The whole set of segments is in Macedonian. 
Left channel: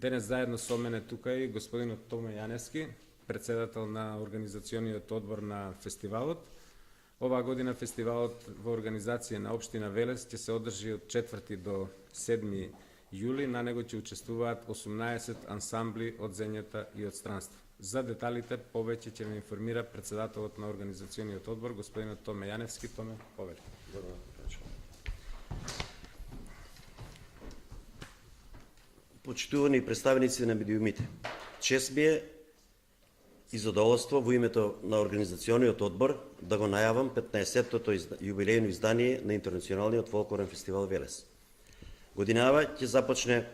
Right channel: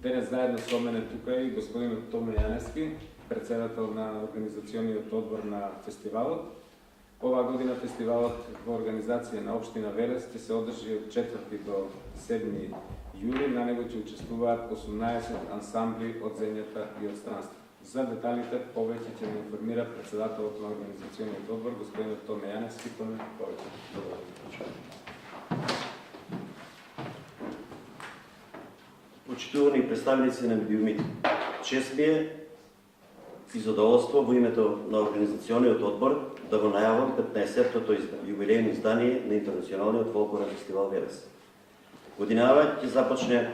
Денес заедно со мене тука и господинот Томе Јаневски, председател на организациониот одбор на фестивалот. Оваа година фестивалот во организација на Општина Велес ќе се одржи од 4 до 7 јули. На него ќе учествуваат 18 ансамбли од земјата и од странство. За деталите повеќе ќе ме информира председателот на организациониот одбор, господинот Томе Јаневски. Томе, повеќе. Почитувани представници на медиумите, чест ми е и задоволство во името на организациониот одбор да го најавам 15-тото јубилејно издание на Интернационалниот фолклорен фестивал Велес. Годинава ќе започне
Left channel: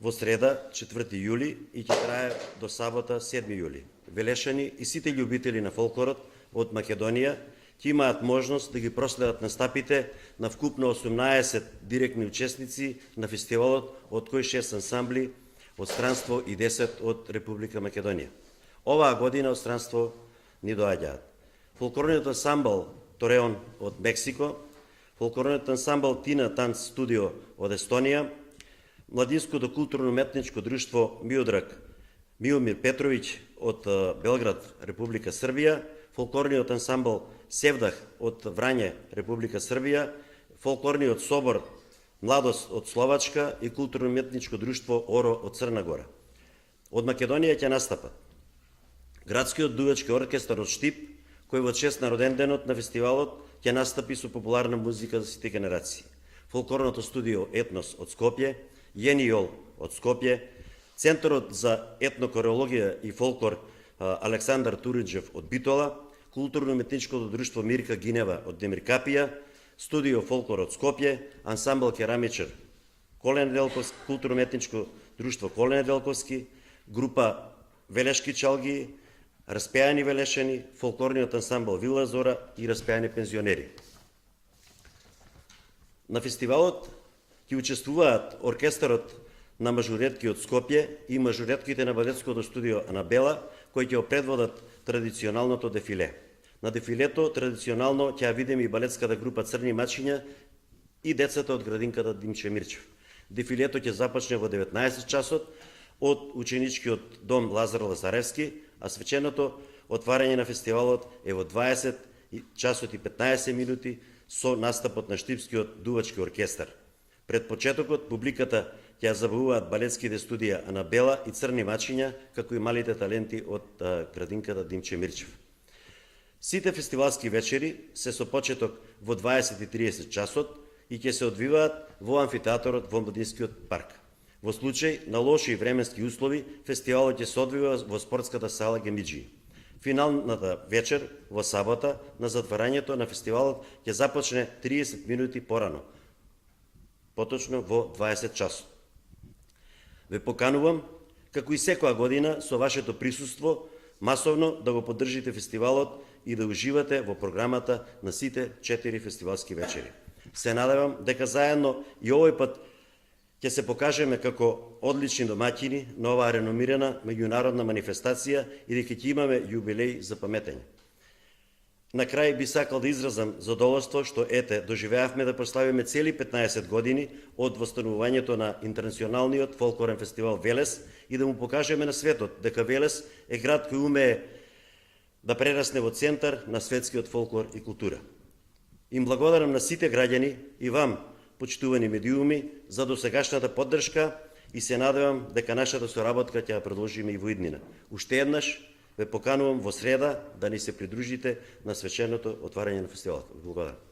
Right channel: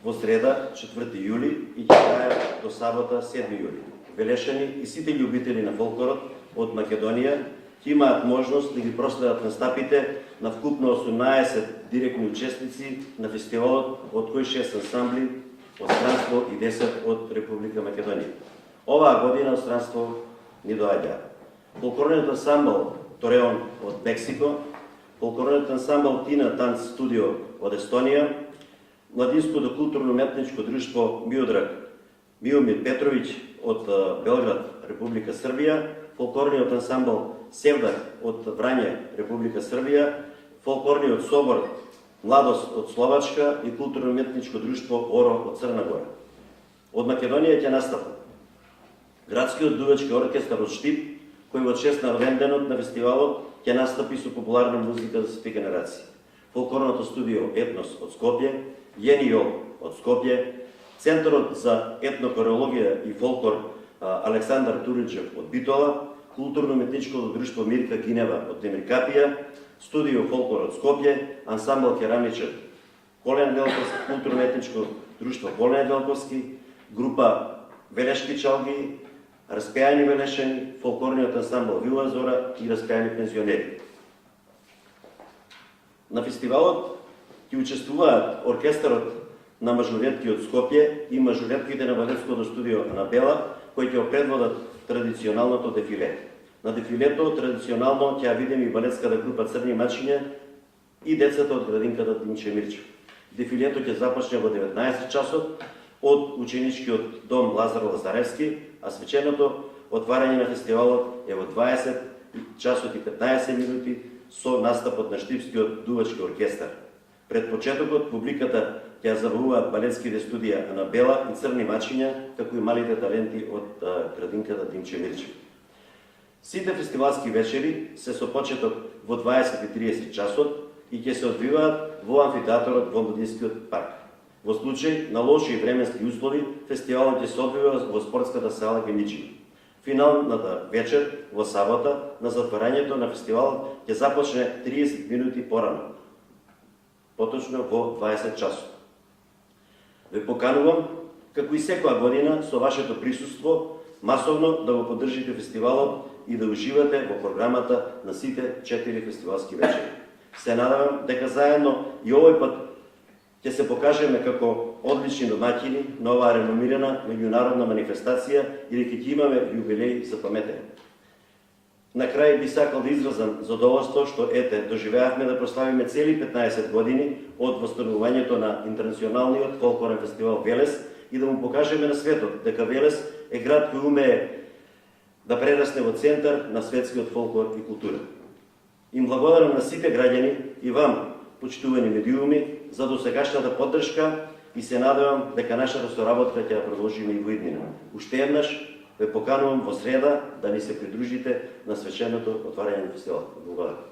во среда 4 јули и ќе трае до сабота 7 јули. Велешани и сите љубители на фолклорот од Македонија ќе имаат можност да ги проследат настапите на вкупно 18 директни учесници на фестивалот, од кои 6 ансамбли од странство и 10 од Република Македонија. Оваа година од странство ни доаѓа фолклорниот ансамбл Тореон од Мексико, фолклорниот ансамбл Тина Танц Студио од Естонија, младинското културно-уметничко друштво Миодраг Миомир Петровиќ од Белград, Република Србија, фолклорниот ансамбл Севдах од Врање, Република Србија, фолклорниот собор Младост од Словачка и културно-уметничко друштво Оро од Црна Гора. Од Македонија ќе настапат градскиот дувачки оркестар од Штип, кој во чест на роденденот на фестивалот ќе настапи со популарна музика за сите генерации. Фолклорното студио Етнос од Скопје, Јенијол од Скопје, Центарот за етнокореологија и фолклор Александар Туриджев од Битола, културно-уметничкото друштво Мирка Гинева од Демиркапија, студио Фолклор од Скопје, ансамбл керамичар Колен Велковски, културно-уметничко друштво Колен Велковски, група Велешки чалги, распејани велешани, фолклорниот ансамбл Вила Зора и распејани пензионери. На фестивалот ќе учествуваат оркестарот на мажоретки од Скопје и мажоретките на балетското студио Анабела, кои ќе предводат традиционалното дефиле. На дефилето традиционално ќе ја видиме и балетската група Црни мачиња и децата од градинката Димче Мирчев. Дефилето ќе започне во 19 часот од ученичкиот дом Лазар Лазаревски, а свеченото отварање на фестивалот е во 20 часот и 15 минути со настапот на Штипскиот дувачки оркестар. Пред почетокот публиката ќе забавуваат балетските студија Анабела и Црни мачиња, како и малите таленти од градинката Димче Мирчев. Сите фестивалски вечери се со почеток во 20:30 часот и ќе се одвиваат во амфитеаторот во Младинскиот парк. Во случај на лоши временски услови, фестивалот ќе се одвива во спортската сала Гемиджи. Финалната вечер во сабота на затварањето на фестивалот ќе започне 30 минути порано, поточно во 20 часот. Ве поканувам, како и секоја година, со вашето присуство, масовно да го поддржите фестивалот и да уживате во програмата на сите 4 фестивалски вечери. Се надевам дека заедно и овој пат ќе се покажеме како одлични домаќини на оваа реномирана меѓународна манифестација и дека ќе имаме јубилеј за паметење. На крај би сакал да изразам задоволство што доживеавме да прославиме цели 15 години од восстановувањето на Интернационалниот фолклорен фестивал Велес и да му покажеме на светот дека Велес е град кој умее да прерасне во центар на светскиот фолклор и култура. Им благодарам на сите граѓани и вам, почитувани медиуми, за досегашната поддршка и се надевам дека нашата соработка ќе ја продолжиме и во иднина. Уште еднаш ве поканувам во среда да ни се придружите на свеченото отварање на фестивалот. Благодарам.